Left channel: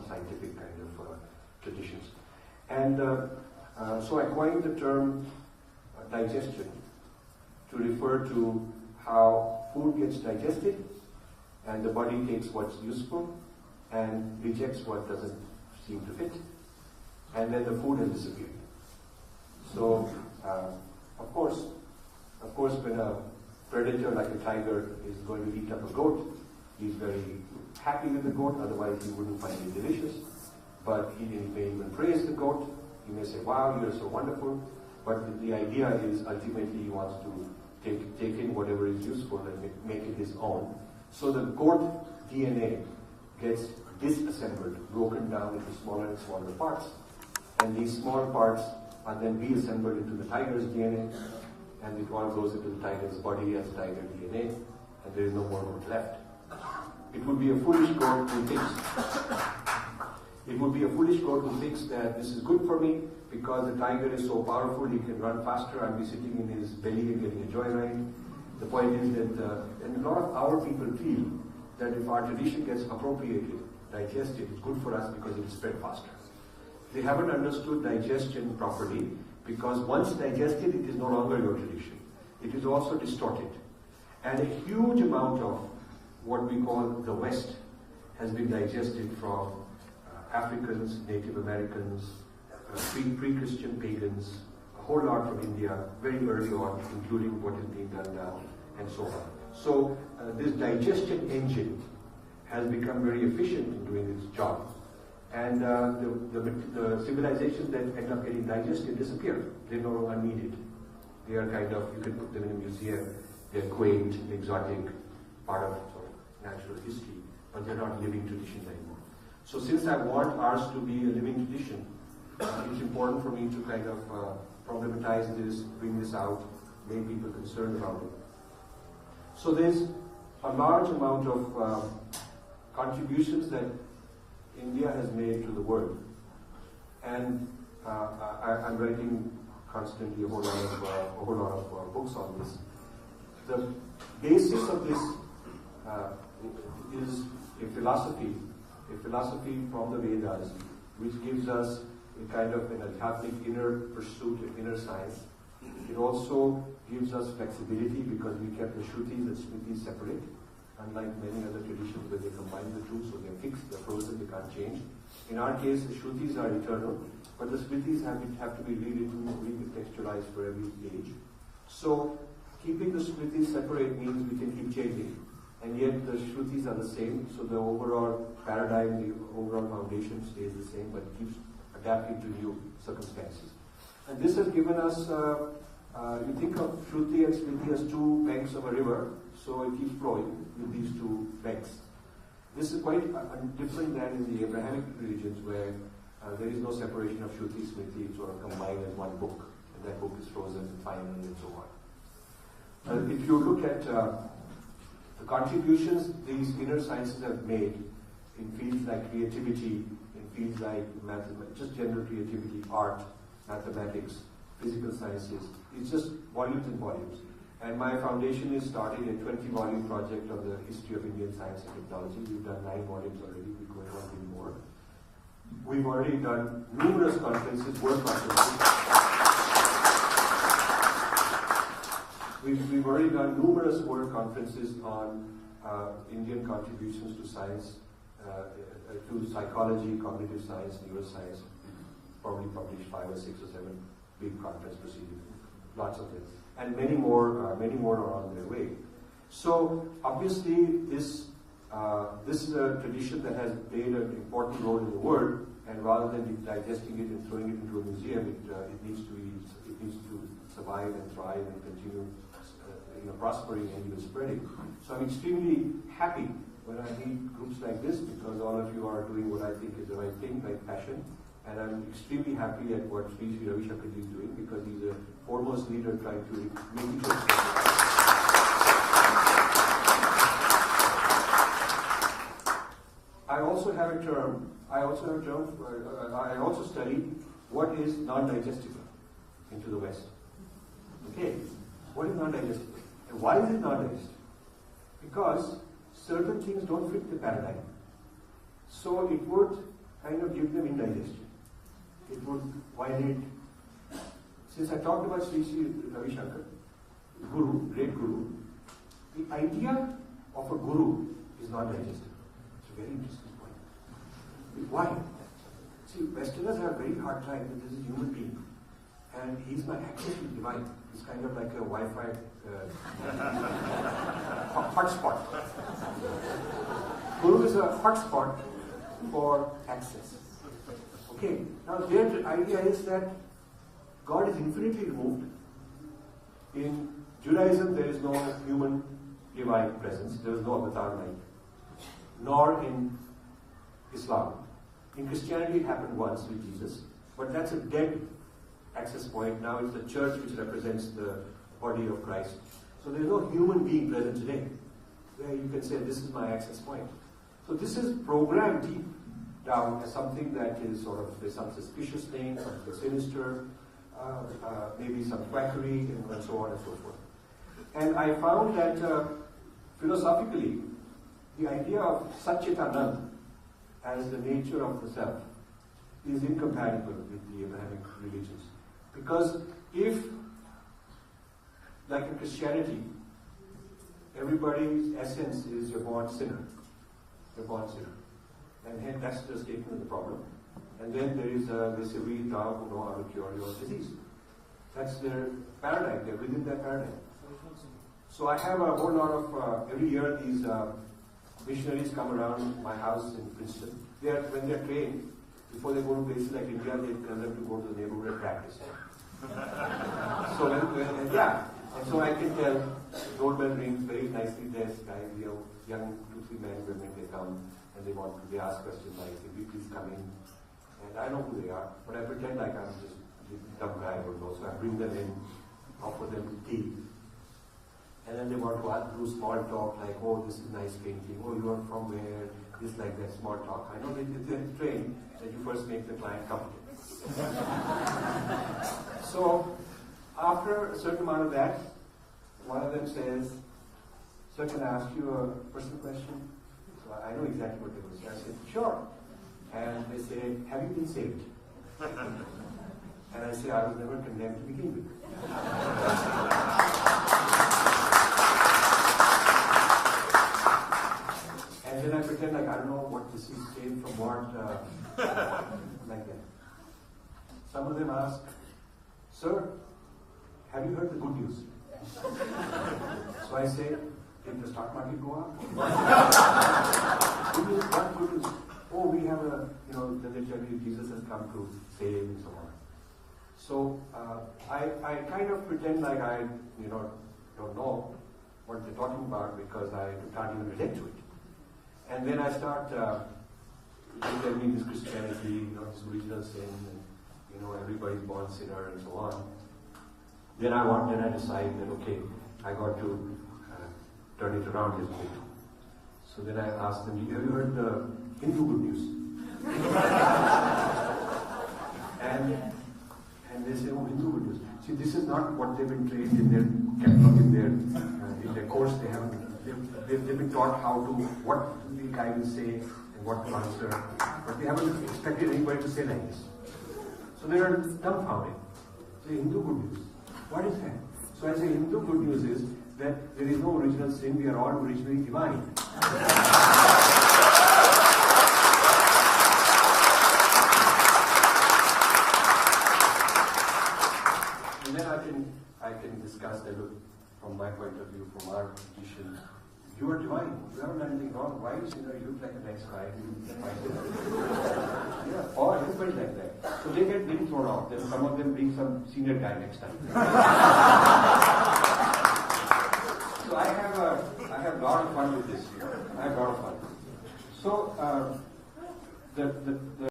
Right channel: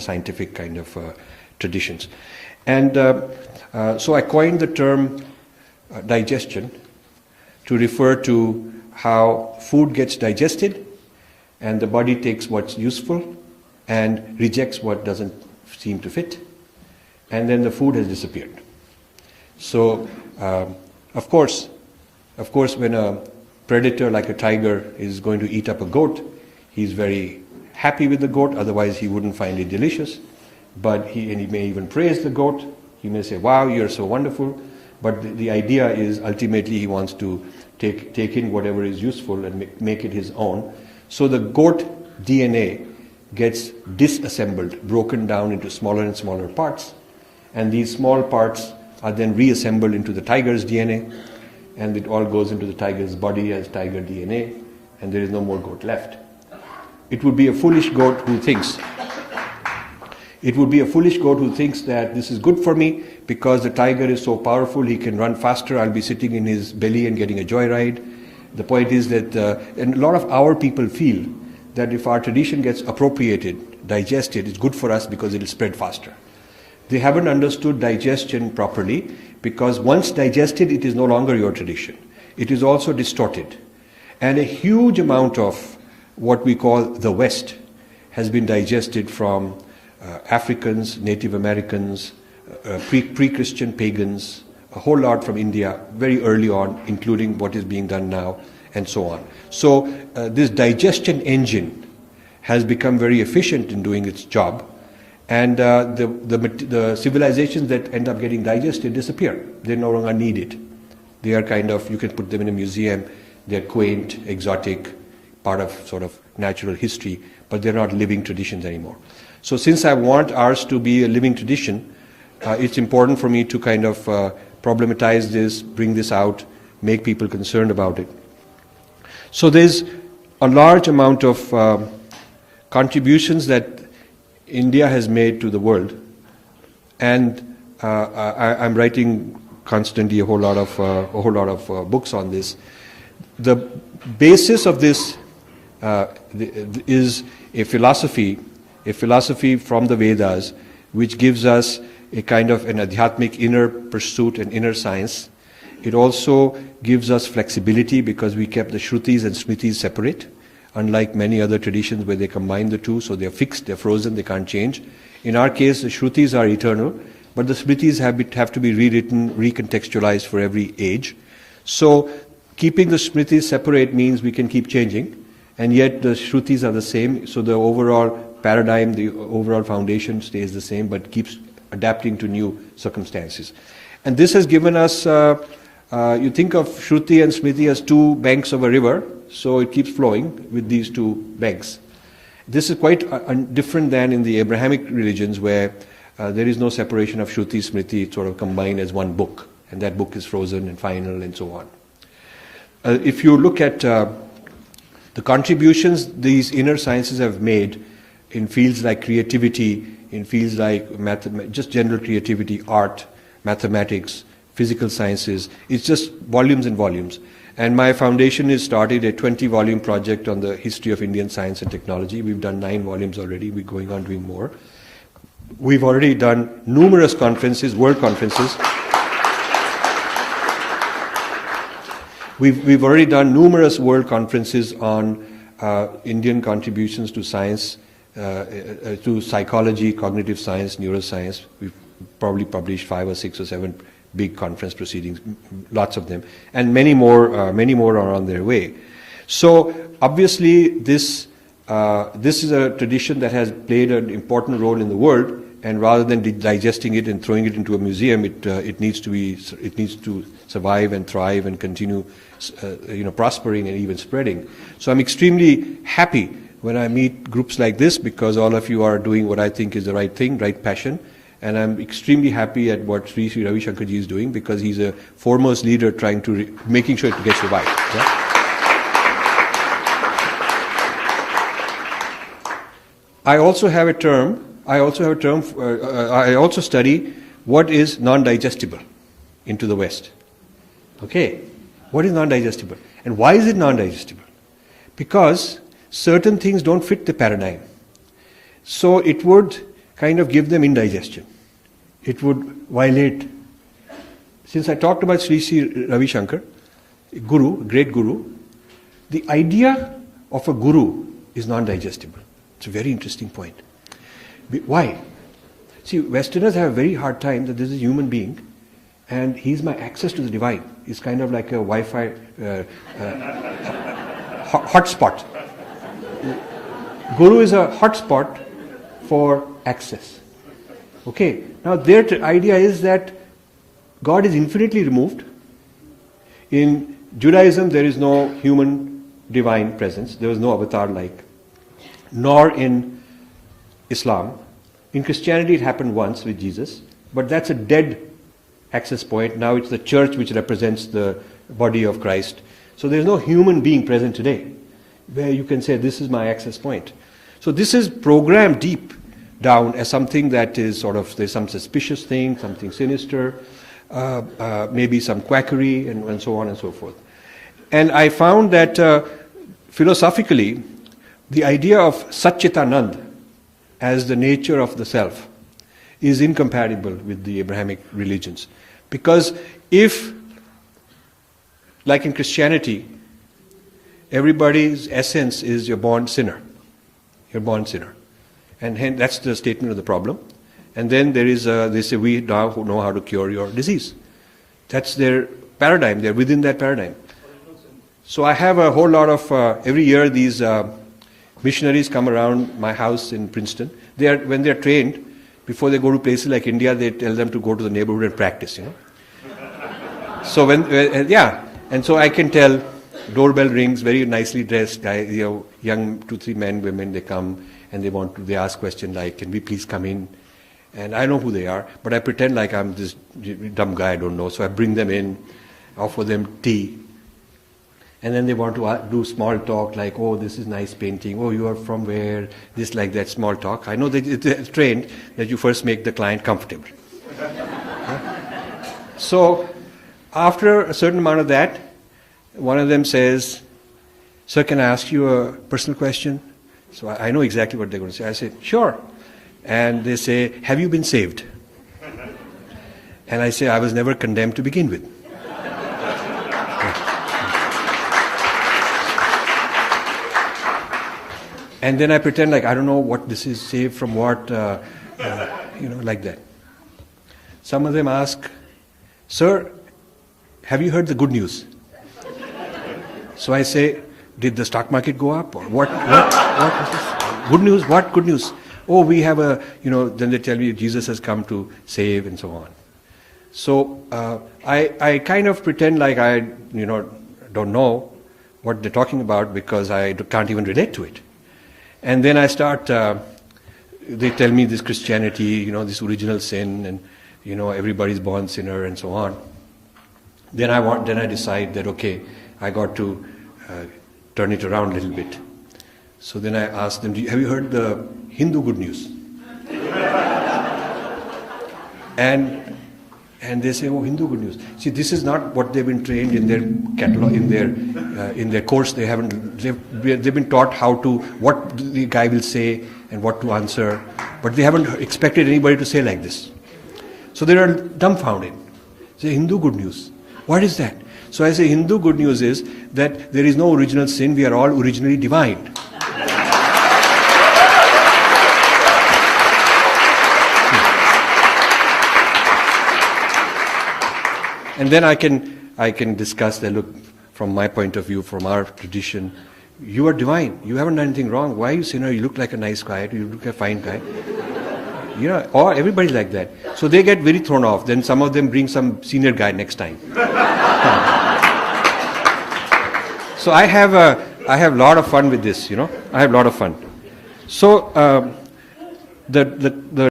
scientific kind of traditions. And so I coined the term digestion to refer to how food gets digested and the body takes what's useful and rejects what doesn't seem to fit, and then the food has disappeared. So, of course, when a predator like a tiger is going to eat up a goat, he's very happy with the goat, otherwise he wouldn't find it delicious. But he may even praise the goat. He may say, wow, you're so wonderful. But the idea is ultimately he wants to take in whatever is useful and make it his own. So the goat DNA gets disassembled, broken down into smaller and smaller parts. And these small parts are then reassembled into the tiger's DNA. And it all goes into the tiger's body as tiger DNA. And there is no more goat left. It would be a foolish goat who thinks that this is good for me because the tiger is so powerful, he can run faster, I'll be sitting in his belly and getting a joyride. The point is that, and a lot of our people feel that if our tradition gets appropriated, digested, it's good for us because it'll spread faster. They haven't understood digestion properly because once digested, it is no longer your tradition. It is also distorted. And a huge amount of what we call the West has been digested from Africans, Native Americans, pre-Christian pagans, a whole lot from India very early on, including what is being done now, and so on. So this digestion engine has become very efficient in doing its job, and the civilizations that end up getting digested disappear. They're no longer needed. They are kind of, you can put them in a museum, they're quaint, exotic, part of sort of natural history, but they're not living traditions anymore. So since I want ours to be a living tradition, it's important for me to kind of problematize this, bring this out, make people concerned about it. So there's a large amount of contributions that India has made to the world, and I'm writing constantly a whole lot of books on this. The basis of this is a philosophy from the Vedas, which gives us a kind of an adhyatmic inner pursuit and inner science. It also gives us flexibility because we kept the Shrutis and Smritis separate, unlike many other traditions where they combine the two, so they're fixed, they're frozen, they can't change. In our case, the Shrutis are eternal, but the Smritis have to be rewritten, recontextualized for every age. So keeping the Smritis separate means we can keep changing, and yet the Shrutis are the same, so the overall paradigm, the overall foundation stays the same, but keeps adapting to new circumstances. And this has given us, you think of Shruti and Smriti as two banks of a river, so it keeps flowing with these two banks. This is quite different than in the Abrahamic religions where there is no separation of Shruti, Smriti, it's sort of combined as one book, and that book is frozen and final and so on. If you look at the contributions these inner sciences have made in fields like creativity, in fields like just general creativity, art, mathematics, physical sciences, it's just volumes and volumes. And my foundation has started a 20-volume project on the history of Indian science and technology. We've done 9 volumes already. We're going on doing more. We've already done numerous conferences, world conferences. We've already done numerous world conferences on Indian contributions to science, to psychology, cognitive science, neuroscience. We've probably published 5 or 6 or 7 big conference proceedings, lots of them, and many more are on their way. So obviously this is a tradition that has played an important role in the world, and rather than digesting it and throwing it into a museum, it needs to survive and thrive and continue, prospering and even spreading. So I'm extremely happy when I meet groups like this, because all of you are doing what I think is the right thing, right passion. And I'm extremely happy at what Sri Ravi Shankarji is doing, because he's a foremost leader trying to making sure it gets revived. Yeah? I also study what is non-digestible into the West. Okay, what is non-digestible? And why is it non-digestible? Because certain things don't fit the paradigm. So it would kind of give them indigestion. It would violate. Since I talked about Sri Sri Ravi Shankar, guru, great guru, the idea of a guru is non-digestible. It's a very interesting point. Why? See, Westerners have a very hard time that this is a human being and he's my access to the divine. He's kind of like a Wi-Fi hotspot. Guru is a hotspot for access. Okay, now their idea is that God is infinitely removed. In Judaism, there is no human divine presence. There is no avatar like. Nor in Islam. In Christianity, it happened once with Jesus, but that's a dead access point. Now it's the church which represents the body of Christ. So there's no human being present today where you can say, this is my access point. So this is programmed deep down as something that is sort of, there's some suspicious thing, something sinister, maybe some quackery, and so on and so forth. And I found that philosophically, the idea of Satchitanand as the nature of the self is incompatible with the Abrahamic religions. Because if, like in Christianity, everybody's essence is you're born sinner. You're born sinner. And hence that's the statement of the problem. And then there is, they say, we now know how to cure your disease. That's their paradigm. They're within that paradigm. So I have a whole lot of, every year these missionaries come around my house in Princeton. When they're trained, before they go to places like India, they tell them to go to the neighborhood and practice, So and so I can tell, doorbell rings, very nicely dressed guy, young 2-3 men, women, they come and they ask questions like, can we please come in? And I know who they are, but I pretend like I'm this dumb guy I don't know. So I bring them in, offer them tea. And then they want to do small talk like, oh, this is nice painting. Oh, you are from where? This, like that, small talk. I know that it's trained that you first make the client comfortable. So after a certain amount of that, one of them says, sir, can I ask you a personal question? So I know exactly what they're going to say. I say, sure. And they say, have you been saved? And I say, I was never condemned to begin with. And then I pretend like I don't know what this is, saved from what, like that. Some of them ask, sir, have you heard the good news? So I say, did the stock market go up? Or what is this? Good news? What good news? Oh, we have then they tell me Jesus has come to save and so on. So I kind of pretend like I, don't know what they're talking about because I can't even relate to it. And then I start, they tell me this Christianity, this original sin and, everybody's born sinner and so on. Then I decide that, okay, I got to turn it around a little bit. So then I ask them, have you heard the Hindu good news? And they say, oh, Hindu good news. See, this is not what they've been trained in their catalog, in their course. They've been taught what the guy will say and what to answer, but they haven't expected anybody to say like this. So they are dumbfounded. Say, Hindu good news. What is that? So I say, Hindu good news is that there is no original sin. We are all originally divine. And then I can discuss that, look, from my point of view, from our tradition, you are divine. You haven't done anything wrong. Why are you sinner? You look like a nice guy. You look like a fine guy. Or everybody's like that. So they get very thrown off. Then some of them bring some senior guy next time. So I have a lot of fun with this, I have a lot of fun. So the